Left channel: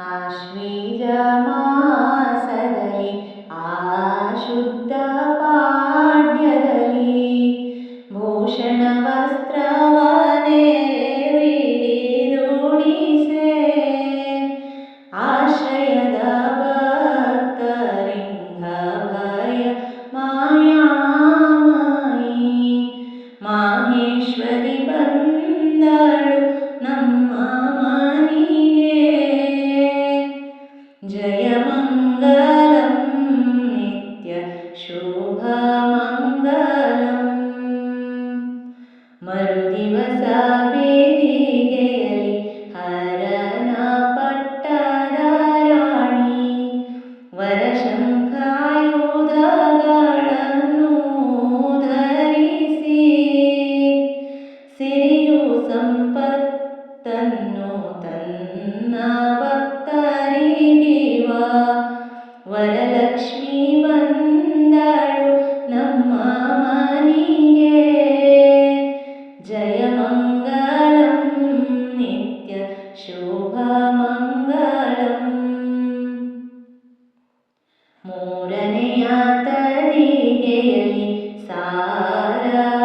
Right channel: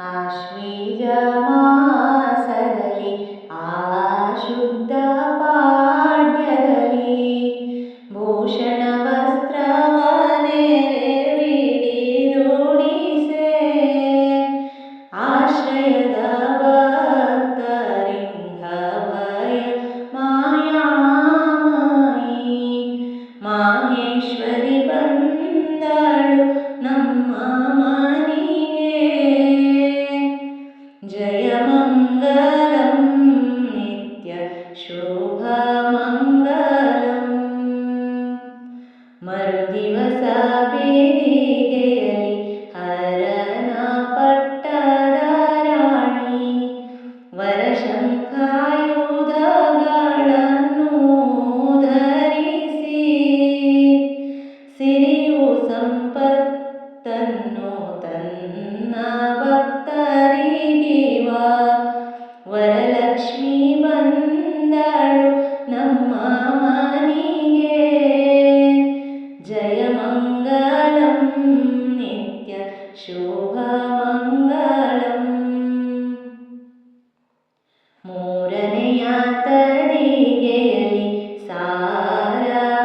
ಆಶ್ವೀಜ ಮಾಸದಲ್ಲಿ ಆ ಶುದ್ಧ ಪಾಡ್ಯದಲ್ಲಿ ಭೂಷಣ ವಸ್ತ್ರವ ನೆರೆವಿಡಿದುಡಿಸೆ ಆಶ್ರಯದ ಭಕ್ತರಿಂಘ ಭಯ ಮಾಯಾಮಯಿ ಮಾಹೇಶ್ವರಿ ಬಂದಳು ನಮ್ಮ ಜಯ ಮಂಗಲಂ ನಿತ್ಯ ಶುಭ ಮಂಗಲಂ ಮರುದಿವಸ ಬೇದಿಗೆಯಲಿ ಹರನ ಪಟ್ಟದ ರಾಣಿ ವರಶಂಖಾಯುಧಗಳನ್ನು ಧರಿಸಿ ಸಿರಿಯು ಸಂಪತ್ತನ್ನು ತನ್ನ ಭಕ್ತರಿಗಿವ ವರಲಕ್ಷ್ಮಿ ಬಂದಳು ನಮ್ಮ ಮನೆಗೆ ಜಯ ಮಂಗಳಂ ನಿತ್ಯ ಶುಭ ಮಂಗಳಂ ಮೂರನೆಯ ತದಿಗೆಯಲಿ ಸಾರವಾಳಿಯ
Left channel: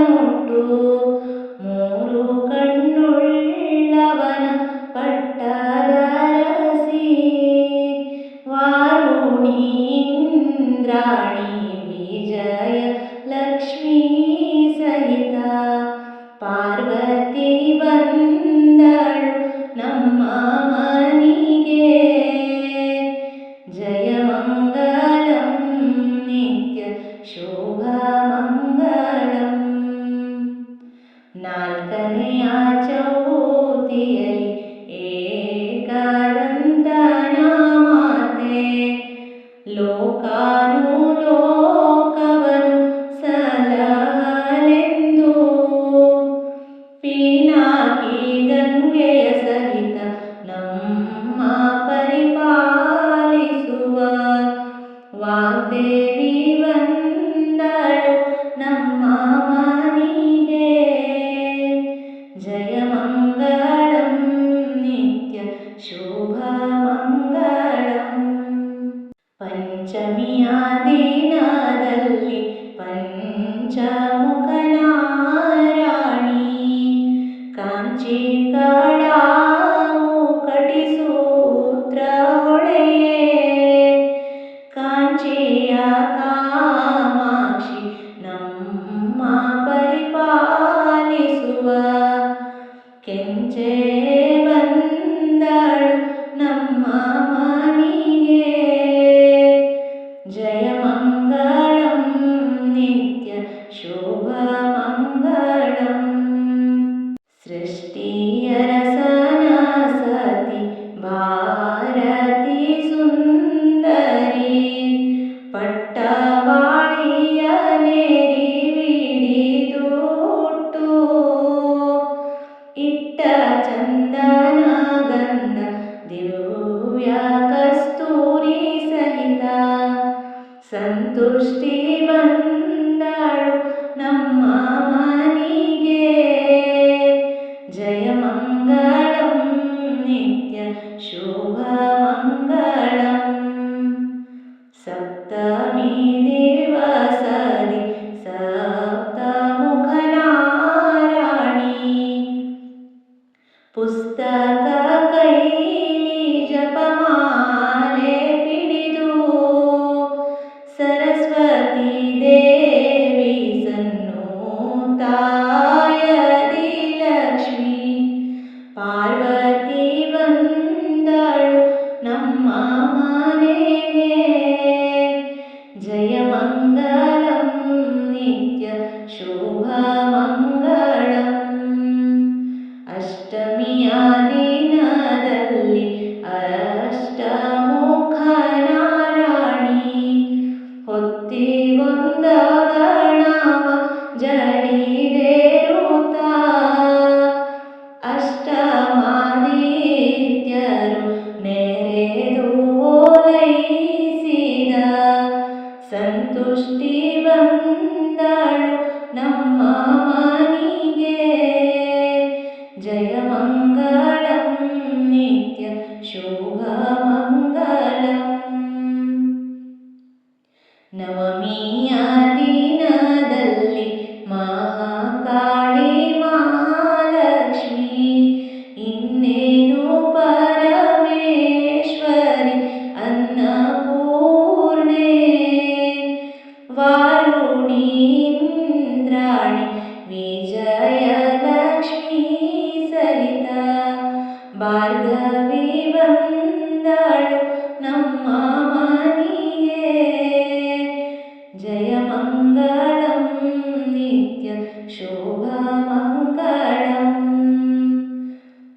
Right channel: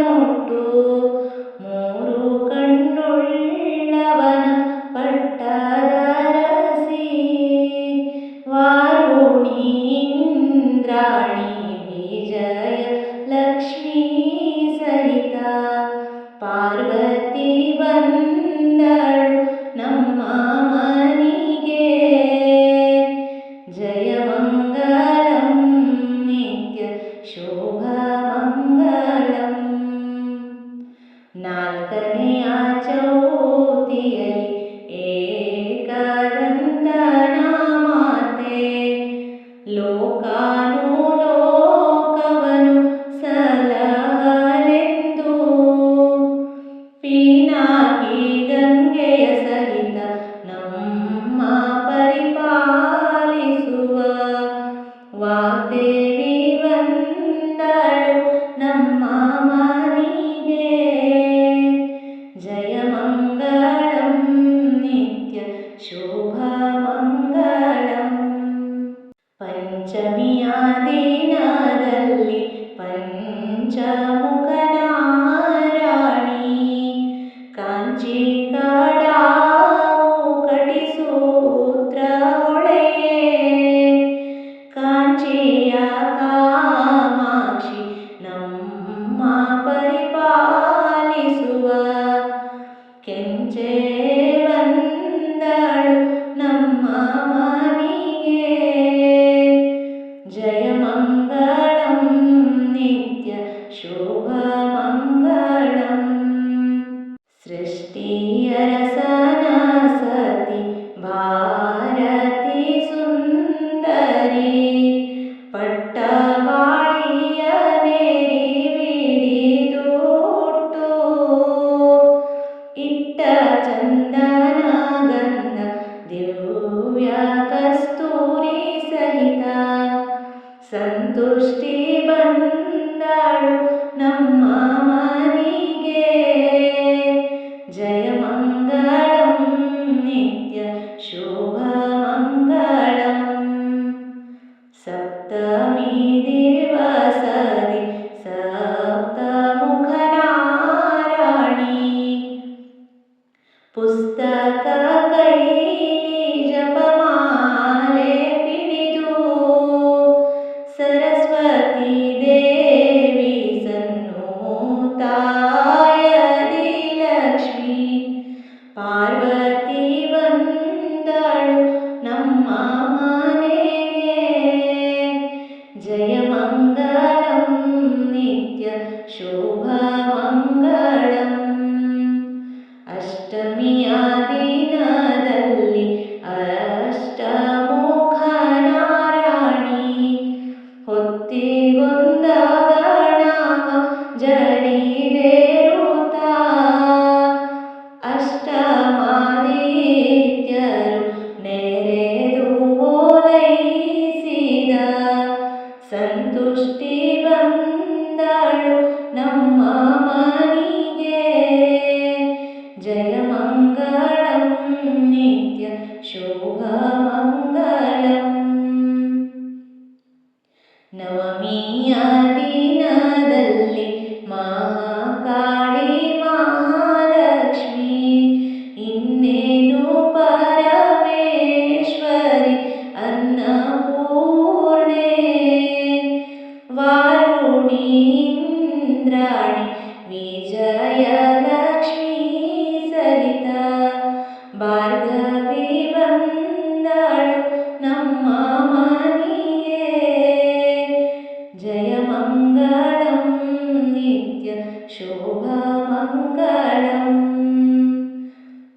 ನೊಟ್ಟು ಮೂರು ಕಣ್ಣುಳ್ಳವನ ಪಟ್ಟದರಸಿ ವಾರುಣಿ ಇಂದ್ರಾಣಿ ವಿಜಯ ಲಕ್ಷ್ಮೀ ಸಹಿತ ಪಾರ್ವತಿ ಬಂದಳು ನಮ್ಮ ಮನೆಗೆ ಜಯ ಮಂಗಳಂ ನಿತ್ಯ ಶುಭ ಮಂಗಳಂ ನಾಲ್ಕನೆಯ ಚೌತಿಯಲಿ ಏಕದಂತನ ಮಾತೆ ಲೋಕಾನುಲೋಕವನು ಸಲಹಲೆಂದು ಪೀನಾಕಿ ಗಂಗೆಯ ಸಹಿತ ನಮ್ಮ ಪರಿಪಾಲಿಸುವ ವಾಗ್ದೇವಿ ಬಂದಳು ನಮ್ಮ ಮನೆಗೆ ಜಯ ಮಂಗಳಂ ನಿತ್ಯ ಶುಭ ಮಂಗಳಂ ಪಂಚಮಿಯ ದಿನದಲ್ಲಿ ಪಂಚಮುಖನಾರಾಣಿ ಕಾಂಚಿ ಕಡಾವು ಕಟಿಸೂತ್ರ ಹೊಳೆಯೇ ಕಾಂಚಿಯ ಕಾಮಾಕ್ಷಿ ನಮ್ಮ ಪರಿಪಾಲಿಸುವ ಕೆಂಚೆ ಬಂದಳು ನಮ್ಮ ಮನೆಗೆ ಜಯ ಮಂಗಳಂ ನಿತ್ಯ ಶುಭ ಮಂಗಳಂ ಸೃಷ್ಟಿಯ ರಸನ ಸತಿ ಭಾರತಿ ಸುಂದರಿ ಪಟ್ಟವಾಳಿಯ ನೆರಿವಿಡಿದುಟ್ಟು ಇಟ್ಟ ಚಂದನ ಗಂಧ ದಿವ್ಯ ಕಸ್ತೂರಿ ಸಹಿತ ಸಂತುಷ್ಟಿ ಬಂದಳು ನಮ್ಮ ಮನೆಗೆ ಜಯ ಮಂಗಳಂ ನಿತ್ಯ ಶುಭ ಮಂಗಳಂ ಸಪ್ತಮಿ ದಿವಸದಿ ಸಪ್ತಮುಖನಾರಾಣಿ ಪುಸ್ತಕ ಕೈಲಿ ಜಪಮಾಲೆ ಪಿಡಿದು ಸರಸ್ವತಿ ದೇವಿ ಸನ್ನೂತಾಯದಿ ಲಕ್ಷ್ಮಿ ಪಾರ್ವತಿ ಬಂದಳು ನಮ್ಮ ಮನೆಗೆ ಜಯ ಮಂಗಳಂ ನಿತ್ಯ ಶುಭ ಮಂಗಳಂ ಅಷ್ಟಮಿಯ ದಿನದಲ್ಲಿ ಅಷ್ಟಮುಖನಾರಾಣಿ ಹೊತ್ತಿಗೊಂದ ಗಣವ ಜಡಿದೇರುತ್ತ ಅಷ್ಟಮಾದಿತ್ಯರು ನೆರೆದು ಓಲೈಸಿದ ಸಂತುಷ್ಟಿ ಬಂದಳು ನಮ್ಮ ಮನೆಗೆ ಜಯ ಮಂಗಳಂ ನಿತ್ಯ ಶುಭಮಂಗಳಂ. ನವಮಿಯ ದಿನದಲ್ಲಿ ಮಹಾಕಾಳಿ ಮಹಾಲಕ್ಷ್ಮಿ ಇನ್ನೇನು ಪರಮೇಶ್ವರಿ ಅನ್ನಪೂರ್ಣೆ ವಾರುಣಿ ಇಂದ್ರಾಣಿ ವಿಜಯಲಕ್ಷ್ಮೀ ಸಹಿತ ಭಾರ್ಗವಿ ಬಂದಳು ನಮ್ಮ ಮನೆಗೆ. ಜಯಮಂಗಳಂ ನಿತ್ಯ ಶುಭಮಂಗಳಂ.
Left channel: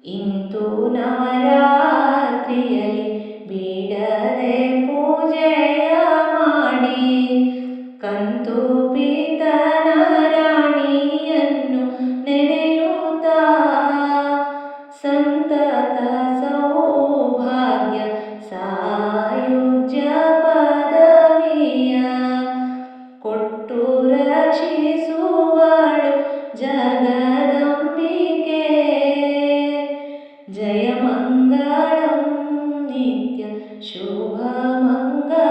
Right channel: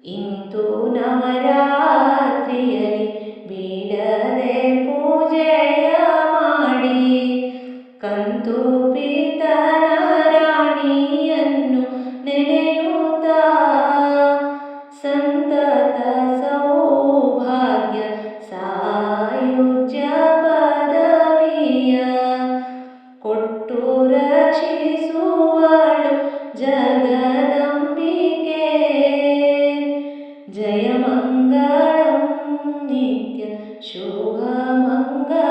ಇಂದು ನವರಾತ್ರಿಯಲ್ಲಿ ಬಿಡದೆ ಪೂಜೆಯ ಮಾಡಿ ಕಂತು ಪೀತನ ರಾಣಿಯನ್ನು ನೆನೆಯುತ್ತಾ ಸಂತತ ಸೌಭಾಗ್ಯ ಸಾಯುಜ್ಯ ಪದವಿಯ ಕೊಟ್ಟು ರಕ್ಷಿಸುವಳು ಜಗದಂಬಿಕೆ. ಜಯಮಂಗಳಂ ನಿತ್ಯ ಶುಭಮಂಗಳಂ.